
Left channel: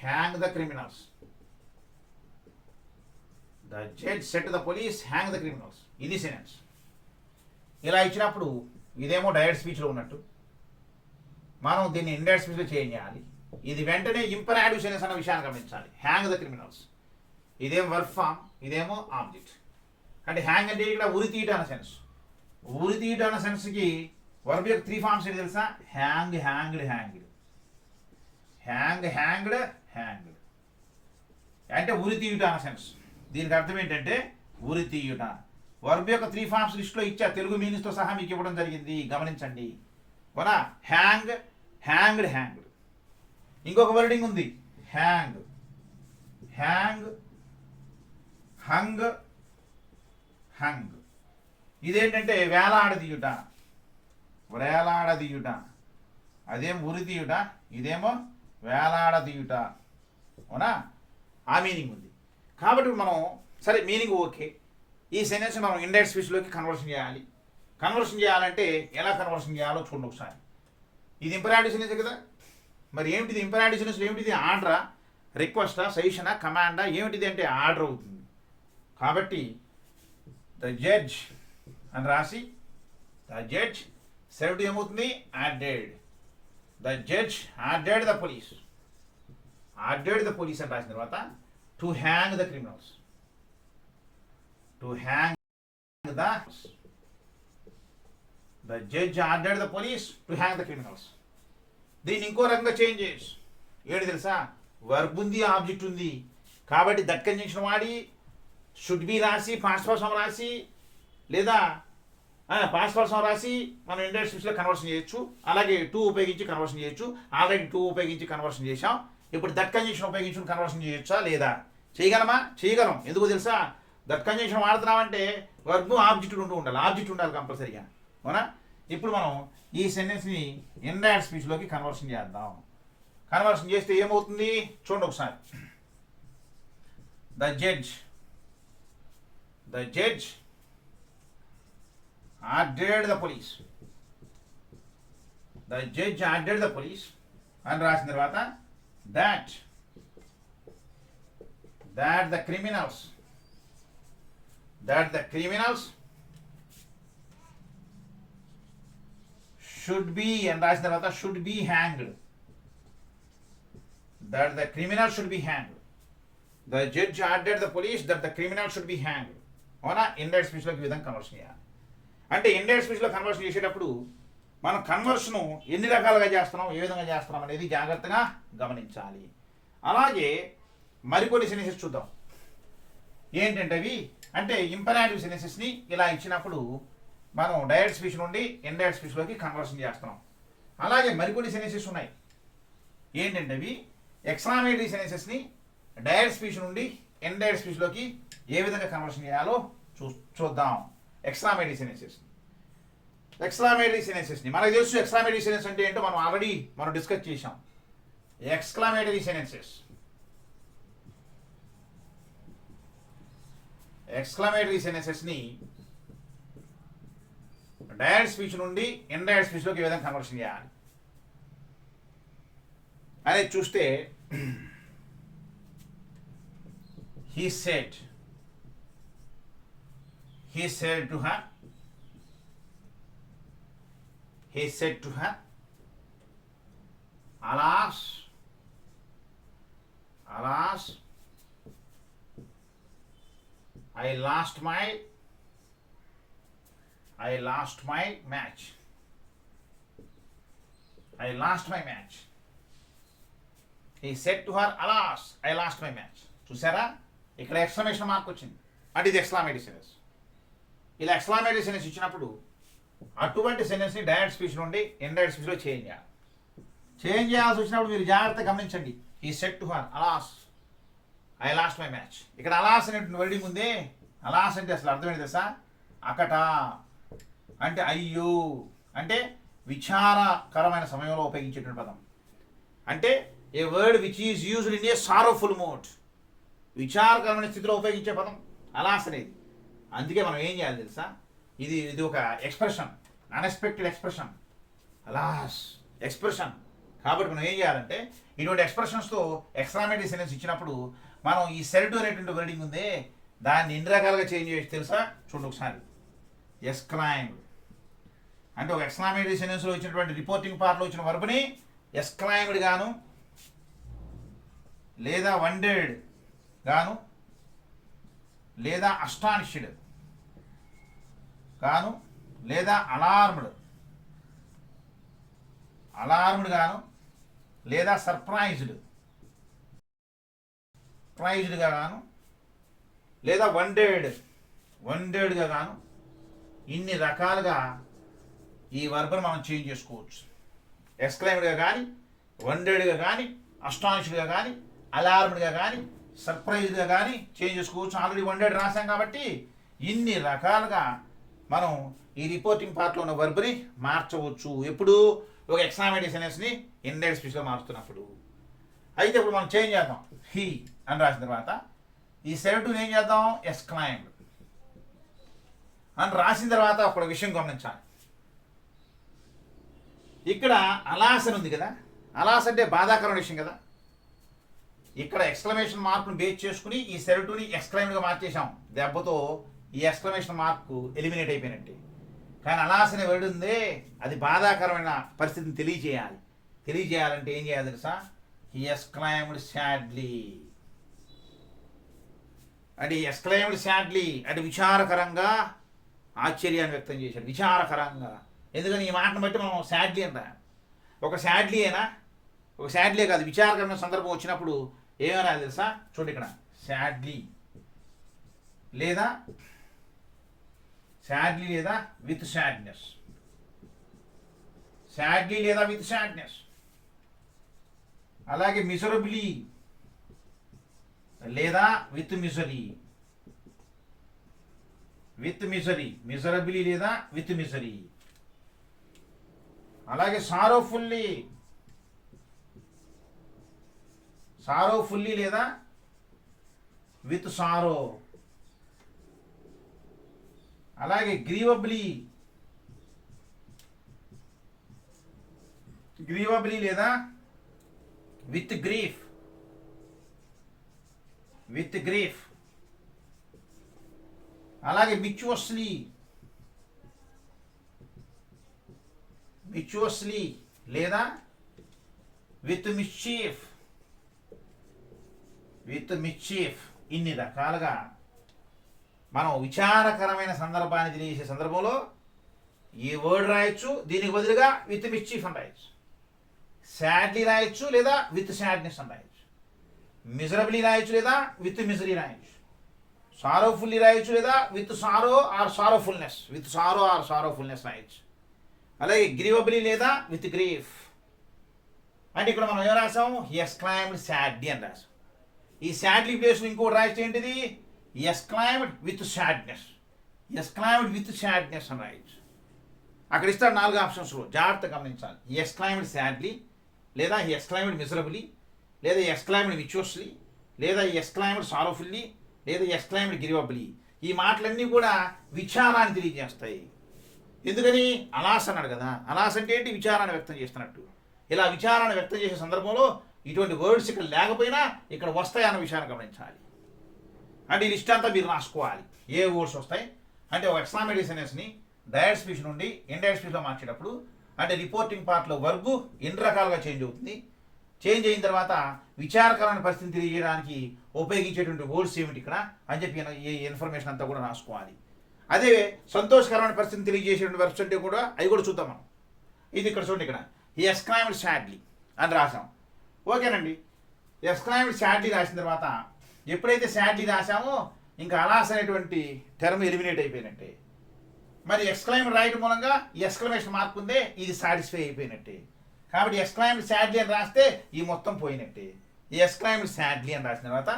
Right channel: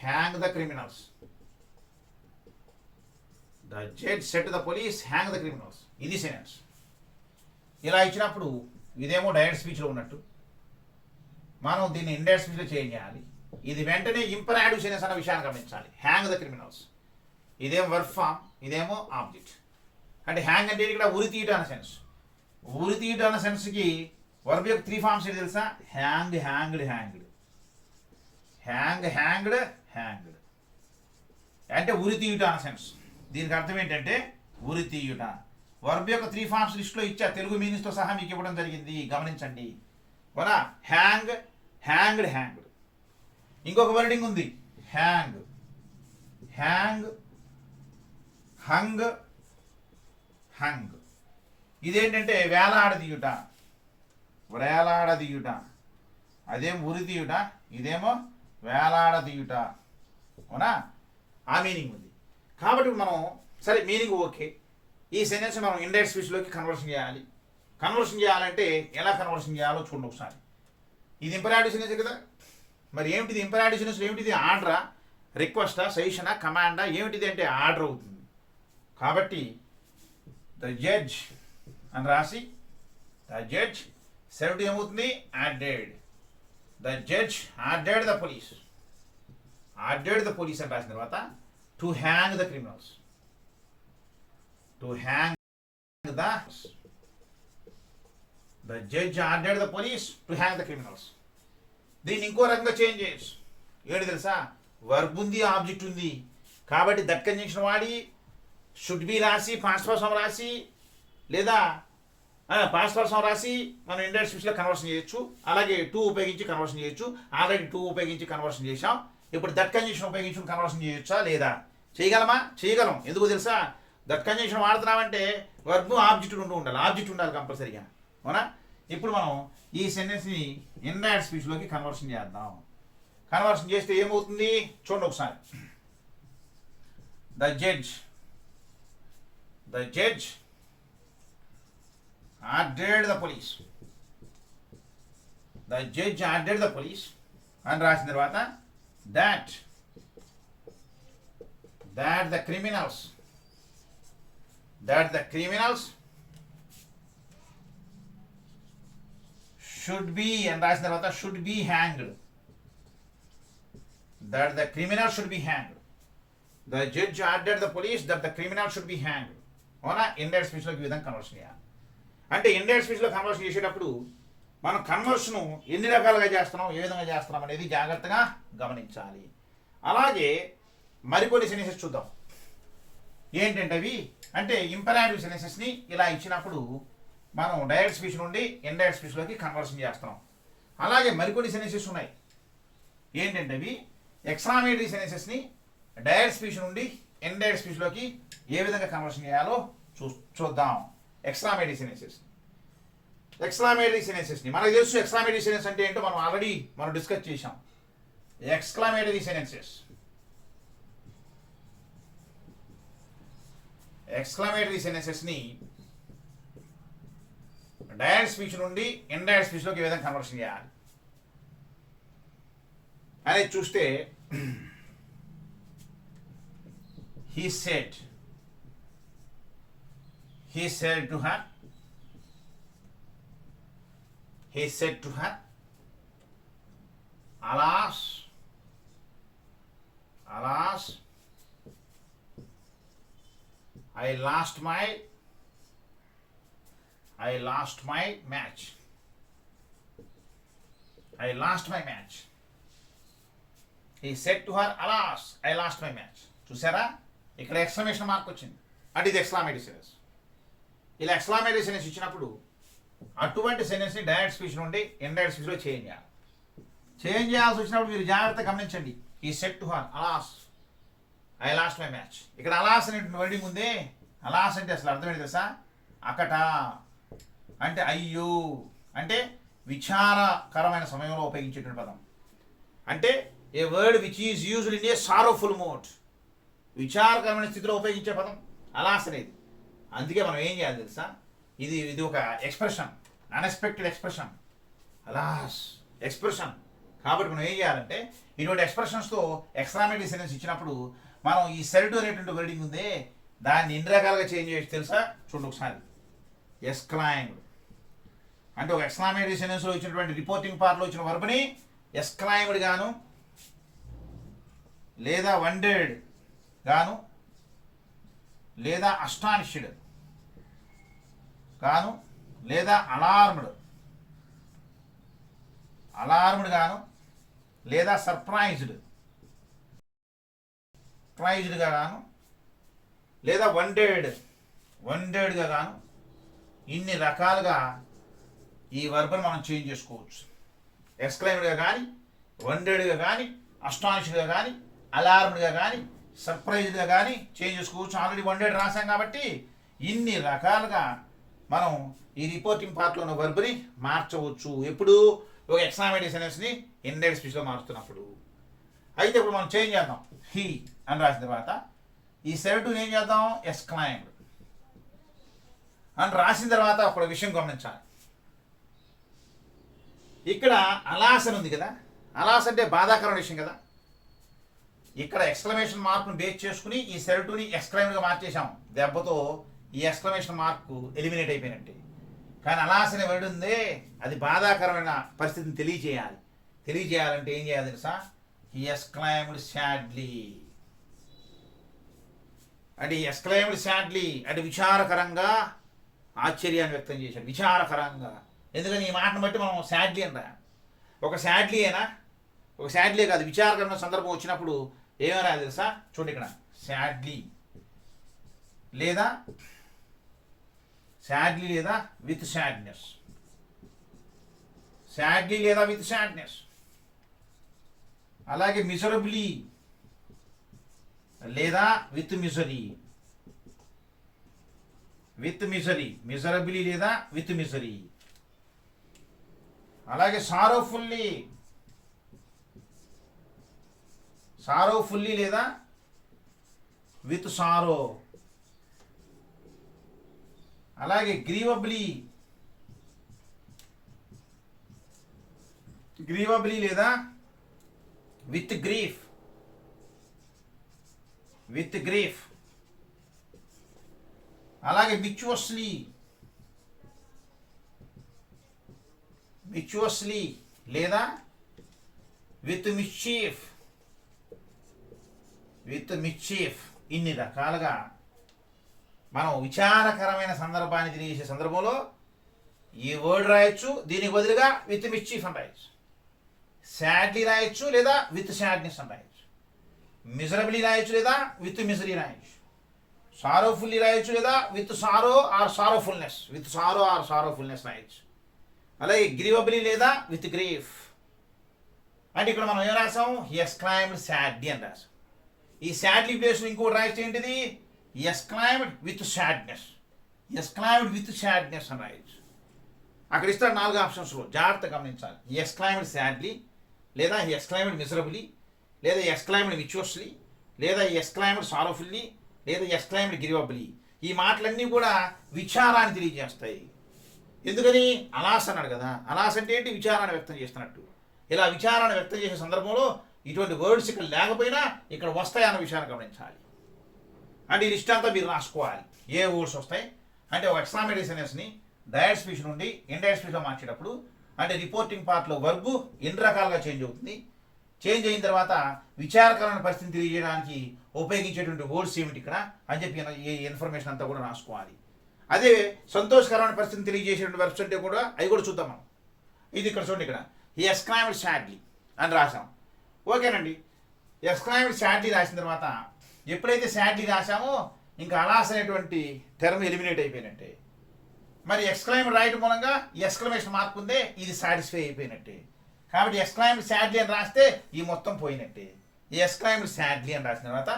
Hang the criminals. The judge said to the police, hang the criminals. ఇది సెంటెన్స్. ఇలా ఇచ్చినప్పుడు ఇదేమో డైరెక్ట్ స్పీచ్లో ఉన్నట్టు, మనం దీన్ని ఇండైరెక్ట్ స్పీచ్లో చేంజ్ చేయాలి. ఇది వెంటనే ఇంపరాటివ్ సెంటెన్స్ అన్న విషయాన్ని గమనించాలి. హ్యాంగ్ ద క్రిమినల్స్ ఇదేమో వర్బ్ ఫామ్, ఇదేమో ఆబ్జెక్ట్. అంటే హ్యాంగ్ అంటే ఇక్కడ ఉరి తీయటం అన్న సెన్స్. ఉరి తీయటం అన్న సెన్స్కి వర్బ్ యొక్క 3 ఫార్మ్స్ ఏంటి తెలుసా? Hang, hanged, hanged. Hang, hanged, hanged అంటే ఉరి తీయుట అన్న సెన్స్. దీనికి అర్థం ఏంటంటే ఉరి తీయుట. వర్బ్ యొక్క 3 ఫార్మ్స్ లిస్ట్లో ఇచ్చా, తెలుగు మీనింగ్స్తో సహా మీకు ఇవ్వడం జరిగింది, గమనించండి. అవునా? Hang, hanged, hanged. ఇంకొక వర్డింగ్ ఉంది, హ్యాంగ్, హ్యాంగ్, హంగ్, హంగ్. ఇదేంటంటే వేలాడదీయుట, వేలాడదీయుట. అదేం ఉరి తీయుట, ఇదేమో వేలాడదీయుట, అవునా? ఆ మీనింగ్ ఉంది. కాబట్టి మనం సరే మీనింగ్ ఓకే, ఈ సెంటెన్స్ మనం ఇండైరెక్ట్ స్పీచ్లోకి కన్వర్షన్ చేయాలి. కన్వర్షన్ చేయాలంటే ఎలా కన్వర్షన్ చేయాలో చూడండి ఒకసారి. ఇది ఇంపరాటివ్ సెంటెన్స్ కదా. మరి ఏమిటిది ఇంపరాటివ్ సెంటెన్స్? ఏమిటిది? ఆర్డరా, రిక్వెస్టా, సజెషనా, కమాండా? ఏమిటిది అంటే ఆర్డర్ అవుతుంది. కాబట్టి ద జడ్జ్ అని రాసి ద జడ్జ్ సెడ్ ఏమవుతుంది? Ordered. The judge ordered the police. Ordered the police అని రాసిన తర్వాత to hang the criminals. To hang the judge ordered the police to hang the criminals. దీన్ని ఇంకో రకంగా చేంజ్ చేయొచ్చు. ఏంటి తెలుసా? వర్బ్ ఉంది, ఆబ్జెక్ట్ ఉంది. కాబట్టి దట్ కంజంక్షన్ వాడి షుడ్ బి రాసి పాస్ట్ పర్సన్ ఫామ్ రాసి, లేదా పాస్ట్ పర్సన్ ఫామ్ రాసి మనం ఇండైరెక్ట్ స్పీచ్లో కన్వర్షన్ చేయొచ్చు. అలాగే టూ ఉపయోగించి కన్వర్షన్ చేయొచ్చు. ఆల్రెడీ టూ ఉపయోగించి కన్వర్షన్ చేసాం. ఇప్పుడు దట్ కంజంక్షన్ ఉపయోగించుకుని కన్వర్షన్ చేయొచ్చా లేదా? చేయగలమా? చేయగలం. ఎందుకు తెలుసా? దట్ కంజంక్షన్ వాడుతున్నామంటే వర్బ్ ఆబ్జెక్ట్ ఉంటూ ఉండాలి. ఆబ్జెక్ట్ ఉండాలి కంపల్సరీగా. అవునా? ఇప్పుడు మనం ఈ సెంటెన్స్ని ఇండైరెక్ట్ స్పీచ్లోకి కన్వర్షన్ చేద్దాం. కన్వర్షన్ చేస్తే ఏమవుతుంది చూడండి ఒకసారి. The judge ordered the police. The judge ordered the police అని రాసిన తర్వాత that the criminals should be and రాసిన తర్వాత should be hanged. That the criminal should be hanged. The judge ordered the police that the criminal should be hanged. అవునా? Indirect స్పీచ్లోకి ఈ విధంగా conversion చేయాలి. అంటే ఇండైరెక్ట్ స్పీచ్లో కన్వర్షన్ చేసేటప్పుడు మనం కన్వర్షన్ ఎన్ని రకాలుగా చేస్తున్నాం, ఏ విధంగా చేస్తున్నాం అనేది జాగ్రత్తగా గమనించాలి. అలాగే మరికొన్ని సెన్సెస్ చూద్దాం. ఏంటంటే అవి అంటే ఇంపరాటివ్ సెన్సెస్ని ఇలా ఇచ్చినప్పుడు మనం డైరెక్ట్ స్పీచ్ నుండి ఇండైరెక్ట్ స్పీచ్లోకి కన్వర్షన్ చేస్తున్నాం. అలాగే మరికొన్ని సెన్సెస్ ఉన్నాయి. ఏంటంటే అవి ఎక్స్క్లమేటరీ సెన్సెస్ని డైరెక్ట్ స్పీచ్ నుండి ఇండైరెక్ట్ స్పీచ్లోకి ఏ విధంగా కన్వర్షన్ చేయాలో చూద్దాం. ఎక్స్క్లమేటరీ సెన్సెస్ని మనకు తెలుసు. ఎక్స్క్లమేటరీ సెన్సెస్ అంటే ఏంటో మనం ఆల్రెడీ డిస్కస్ చేసాం. ఎక్స్క్లమేటరీ సెన్సెస్ని డైరెక్ట్ స్పీచ్ నుండి ఇండైరెక్ట్ స్పీచ్లోకి ఏ విధంగా కన్వర్షన్ చేయాలి అనేది చూస్తే he said to her alas I lost my match. He said to her, alas, I lost my match. చూసారా, ఇక్కడ ఎక్స్క్లమేషన్ మార్క్ వచ్చింది. అంటే ఇది ఎక్స్క్లమేటరీ సెన్సెస్. ఇలా ఎక్స్క్లమేటరీ సెన్సెస్ ఇచ్చినప్పుడు అటువంటి సెన్సెస్ని డైరెక్ట్ స్పీచ్ నుండి ఇండైరెక్ట్ స్పీచ్లో చేంజ్ చేయాల్సి వచ్చినప్పుడు మీరు జాగ్రత్తగా గమనించండి. ఈ set to her అలాస్ I lost my match. ఇక్కడ అలాస్ అనేటువంటి వర్డింగ్ ఉంది. అలాస్ అంటే అసలు అర్థం ఏంటి తెలుసా? అకట అంటే అయ్యో, అంటే విచారకరమైన సమయంలో ఉపయోగించేటువంటి పదం. అంటే a word which is used in a sorrowful mode, విచారకరమైన స్థితిలో ఉపయోగించే పదం అలాస్ అనేది. అందుకే మనం ఏం చేయాలి తెలుసా? ఇది ఒక ఎక్స్ప్రెషన్, అన్ఎక్స్పెక్టెడ్ ఎక్స్ప్రెషన్, అలాస్ ఎక్స్ప్రెషన్. కాబట్టి మనం ఏం చేయాలంటే ఇటువంటి ఎక్స్ప్రెషన్స్తో ఎక్స్క్లమేటరీ సెన్సెస్ ఇచ్చినప్పుడు మనం ఈ సెడ్ అనేటువంటి వర్డింగ్ ఉంది, దాన్ని ఎన్ని రకాలుగా చేంజ్ చేయొచ్చు తెలుసా? చూడండి ఒకసారి. ఎక్స్క్లైమ్డ్ అంటే ఒక ఎక్స్క్లమేటరీ సెన్సెస్లో ఇచ్చినటువంటి రిపోర్టింగ్ పార్ట్లో ఇచ్చిన వర్బ్ని ఎక్స్క్లైమ్డ్ గాను, లేదా వండెడ్ గాను, లేదా అస్టానిష్డ్ గాను, లేదా అలార్మ్డ్ గాను, లేదా సర్ప్రైజ్డ్గా గాను, లేదా వండెడ్గా గాను, ఇన్ని రకాలుగా ఈ వర్బ్ను మనం చేంజ్ చేసుకోవచ్చు. ఎక్స్క్లైమ్డ్గా కానీ, వండెడ్గా కానీ, అస్టానిష్డ్గా కానీ, అలార్మ్డ్గా కానీ, సర్ప్రైజ్డ్గా కానీ చేంజ్ చేసుకోవచ్చు. ఆల్రెడీ వండెడ్ రాసాం కాబట్టి ఇన్ని రకాలుగా మనం ఈ రిపోర్టింగ్ పార్ట్లో ఉన్న వర్బ్ని మార్చవచ్చు. ఎప్పుడు? ఒక ఎక్స్క్లమేటరీ సెన్సెస్ని ఇండైరెక్ట్ స్పీచ్లో మారుస్తున్నప్పుడు. అయితే ఇప్పుడు మనం చేంజ్ చేద్దాం. హీ అని రాసిన తర్వాత ఈ సెరటుని ఏం చేద్దాం? ఎక్స్క్లైమ్డ్ అని రాసిన తర్వాత ఒక విషయం గమనించాలి. ఇక్కడ అలాస్ అని ఉంది కదా, అలాస్ అంటే బాధాకరమైన విషయం కదా. ఇక్కడ ఎక్స్క్లమేషన్ మార్క్ను బేస్ చేసుకుని ఈ సెరటుని ఎక్స్క్లైమ్డ్గా మార్చేసాం. దెబ్బతో ఈ ఎక్స్క్లమేషన్ మార్క్ ఎలిమినేట్ అయిపోయినట్టే. కానీ అలాస్ అనే వర్డ్ ఉంది, అది బాధాకరమైన పరిస్థితిని తెలియజేయాలంటే ఏం చేయాలి తెలుసా? హి ఎక్స్క్లైమ్డ్ సాడ్లీ అంటే ఎక్స్క్లైమ్డ్ సాడ్లీ అంటే విచారకరంగా ఆశ్చర్యాన్ని వ్యక్తం చేశాడు. విచారకరంగా. ఎందుకని ఈ మాటను బట్టి మనం సాడ్లీ అంట. ఒక సాడ్లీ కాదు, విచారకరమైన సందర్భం వచ్చినప్పుడు ఏమైనా తెలుసా? చూడండి ఇక్కడ సాడ్లీ లేదా విత్ సాడ్నెస్, అలాగే మిజరబ్లీ లేదా విత్ మిజరీ, మిజరబిలీ లేదా విత్ మిజరీ. అలాగే సారోఫుల్లీ లేదా విత్ సారో. అలాగే గ్రీవబ్లీ లేదా విత్ గ్రీఫ్. అలాగే మిచ్యువస్లీ లేదా విత్ మిస్చీఫ్. ఇన్ని రకాలుగా మనం విచారకరమైన సందర్భాన్ని తెలియజేసే సందర్భంలో ఈ వర్డ్ రాయొచ్చు, దీనికి బదులుగా విత్ మిస్చీఫ్ అని రాయొచ్చు. సాడ్లీ రాయొచ్చు లేదా విత్ సాడ్నెస్ అని రాయొచ్చు. మిజరబుల్లీ రాయొచ్చు లేదా విత్ మిజరీ రాయొచ్చు. సారోఫుల్లీ రాయొచ్చు లేదా విత్ సారో ఆర్ సారోఫుల్నెస్ రాయొచ్చు. అలాగే గ్రీవబుల్లీ లేదా విత్ గ్రీఫ్. అంటే ఇక్కడ మనం ఏం రాసాం? ఎస్క్లైమ్డ్ సాడ్లీ అని రాసాం. ఈ సాడ్లీ ప్లేస్లో ఇంకోటి రాయిస్తే ఏంటిది? ఎస్క్లైమ్డ్ విత్ సాడ్నెస్ అని రాయొచ్చు. అక్కడ ఇస్తారు 4 ఆప్షన్స్లో, జాగ్రత్తగా గమనించాలి. ఎస్క్లైమ్డ్ సాడ్లీ లేదా ఎస్క్లైమ్డ్ మిజరబుల్లీ లేదా ఎస్క్లైమ్డ్ మిచ్యువస్లీ లేదా ఎస్క్లైమ్డ్ సారోఫుల్లీ లేదా ఎస్క్లైమ్డ్ గ్రీవబుల్లీ. ఈ మాటలన్నీ కూడా విచారాన్ని తెలియజేస్తాయి. ఎందుకని? అలాస్ అన్నాడు కదా. అలాస్ అంటే ఏంటి? విచారాన్ని వ్యక్తం చేస్తున్నట్టు. ఇలా విచారాన్ని వ్యక్తం చేసే సందర్భంలో ఇటువంటి వర్డ్స్ ఇక్కడ లేకపోయినా ఇక్కడ వస్తాయన్న విషయాన్ని గమనించాలి. అంటే ఈ లిస్ట్ అంతా మీరు రాసుకోవాలి. ఏ వర్డ్స్ వస్తాయి అంటే ఒక ఎక్స్క్లమేటరీ సెంటెన్స్ని డైరెక్ట్ స్పీచ్ నుండి ఇండైరెక్ట్ స్పీచ్లో మార్చేటప్పుడు అంటే రిపోర్టింగ్ పార్ట్లో వర్బు ఎన్ని రకాలుగా చేంజ్ అవుతుంది, చేంజ్ అయిన తర్వాత విచారకరమైన పరిస్థితిని తెలియజేయడానికి ఉపయోగించేటువంటి వర్డ్స్ ఏమిటి ఇక్కడ అని చెప్పి ఈ ఇన్ఫర్మేషన్ అంతా కూడా రాసుకోవాలి. అదే సంతోషకరమైన పరిస్థితిని తెలియజేసేటువంటి వర్బ్స్ అంటే కూడా అవి కూడా చూద్దాం మనం. ఇది ఇక్కడ చూడండి, ఇక్కడ ఈ ఎస్క్లైమ్డ్ సాడ్లీ అని రాసాం. ఓకేనండి. ఎస్క్లైమ్డ్ సాడ్లీ రాసిన తర్వాత ఎప్పుడైతే సాడ్లీ రాసామో ఇంకా అలాస్ అనేటువంటి టర్మ్ ఎలిమినేట్ అయిపోయినట్టే. మరి ఎక్స్క్లైమ్డ్ రాయడం మూలంగా ఎక్స్క్లమేషన్ మార్క్ ఉందే, ఇది సాటిస్ఫై అయిపోయినట్టే. కాబట్టి ఎక్స్క్లైమ్డ్ సాడ్లీ అని రాస్తే ఈ మొత్తం పోయినట్టే. ఈ ఎక్స్క్లైమ్డ్ సాడ్లీ అని రాసిన తర్వాత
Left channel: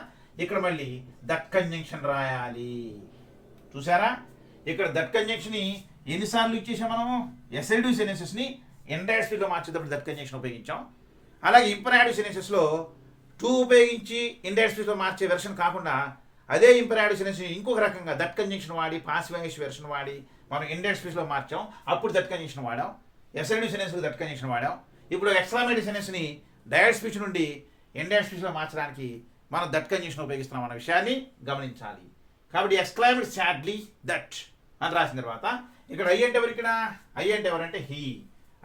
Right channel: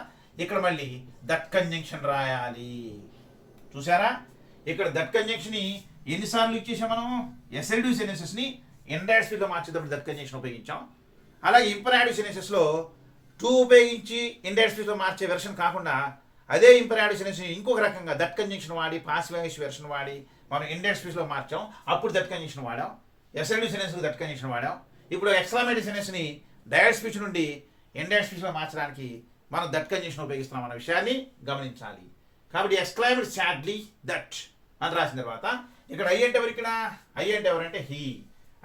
ఇక్కడ మళ్ళీ దట్ కంజంక్షన్ రాయాలి. చూసారా? ఇక్కడ దట్ కంజంక్షన్ ఎన్నిసార్లు ఇచ్చేసాం మనము? ఎస్ఎల్డివ్ సెన్సెస్ని ఇండైరెక్ట్ స్పీచ్లో మార్చేటప్పుడు దట్ కంజంక్షన్ ఉపయోగించాం. అలాగే ఇంపరాటివ్ సెన్సెస్లో టు ఉపయోగించి ఇండైరెక్ట్ స్పీచ్లో మార్చే వెర్షన్ కాకుండా అదే ఇంపరాటివ్ సెన్సెస్ని ఇంకొక రకంగా దట్ కంజంక్షన్ వాడి పాసివ్ వాయిస్ వెర్షన్ వాడి మనం ఇండైరెక్ట్ స్పీచ్లో మార్చాం. అప్పుడు దట్ కంజంక్షన్ వాడాం. ఎస్ఎల్డివ్ సెన్సెస్లో దట్ కంజంక్షన్ వాడాం. ఇప్పుడు ఎక్స్క్లమేటరీ సెన్సెస్ని డైరెక్ట్ స్పీచ్ నుండి ఇండైరెక్ట్ స్పీచ్లో మార్చడానికి మనం దట్ కంజంక్షన్ ఉపయోగిస్తున్నాం అన్న విషయాన్ని గమనించాలి. కాబట్టి ఎక్స్క్లైమ్డ్ సాడ్లీ దట్ అని రాసిన తర్వాత ఇక్కడ ఐ అంటే ఎవరు? ఇక్కడ ఐ అంటే ఎవరంటే హీ,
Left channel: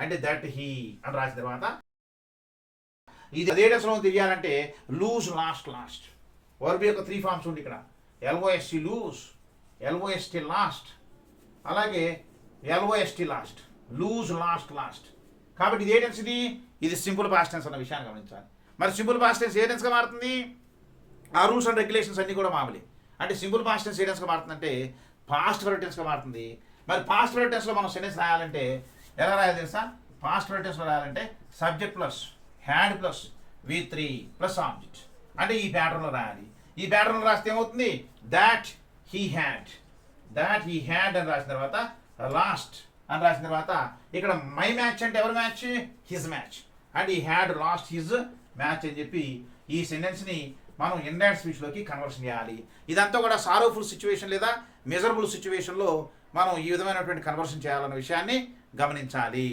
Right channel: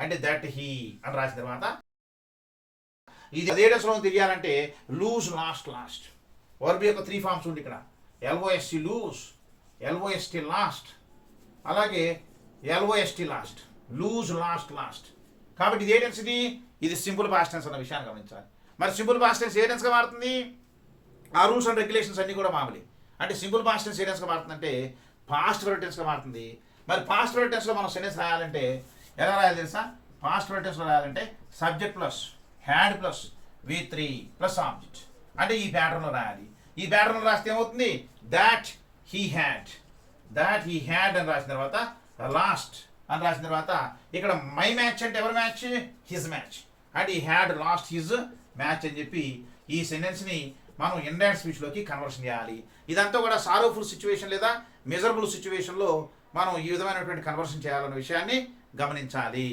అంటే దట్ హీ అని రాసిన తర్వాత ఇది అదే డెస్లో తెలియాలంటే లూజ్ లాస్ట్ వర్బ్ యొక్క 3 ఫార్మ్స్ ఉంది ఇక్కడ. ఎల్ఓఎస్టీ లూజ్, ఎల్ఓఎస్టీ లాస్ట్, అలాగే ఎల్ఓఎస్టీ లాస్ట్, లూజ్ లాస్ట్. కాబట్టి ఇది ఏ టెన్స్? ఇది సింపుల్ పాస్ట్ టెన్స్ అన్న విషయాన్ని గమనించాలి. మరి సింపుల్ పాస్ట్ టెన్స్ ఏ టెన్స్గా మారుతుంది? ఆ రూల్స్ అండ్ రెగ్యులేషన్స్ అన్నీ కూడా మామూలే. అంటే సింపుల్ పాస్ట్ టెన్స్ ఏ టెన్స్గా మారుతుందంటే పాస్ట్ పర్ఫెక్ట్ టెన్స్గా మారుతుంది. మరి పాస్ట్ పర్ఫెక్ట్ టెన్స్లో మనం సెంటెన్స్ రాయాలంటే ఎలా రాయాలి తెలుసా? పాస్ట్ పర్ఫెక్ట్ టెన్స్లో రాయాలంటే subject plus had plus V3 plus object, అంటే ఈ ప్యాటర్న్లో రాయాలి. ఈ ప్యాటర్న్లో రాస్తే ఏమవుతుంది? దాట్ హీ హ్యాడ్ అని రాసిన తర్వాత లాస్ట్ అని రాసిన తర్వాత ఇక్కడ మై మ్యాచ్ అంటే ఎవరి మ్యాచ్? హిజ్ మ్యాచ్, అంటే ఈ హ్యాడ్ లాస్ట్ హిజ్ మ్యాచ్ అని చెప్పి ఈ సెంటెన్స్ని మనం ఇండైరెక్ట్ స్పీచ్లోకి కన్వర్షన్ చేయాలి. ఇదంతా కూడా సారోఫుల్ సిచ్యువేషన్ లేదా మెజరబుల్ సిచ్యువేషన్లో మనం ఈ విధమైనటువంటి కన్వర్షన్ చేయాలన్న విషయాన్ని గమనించాలి.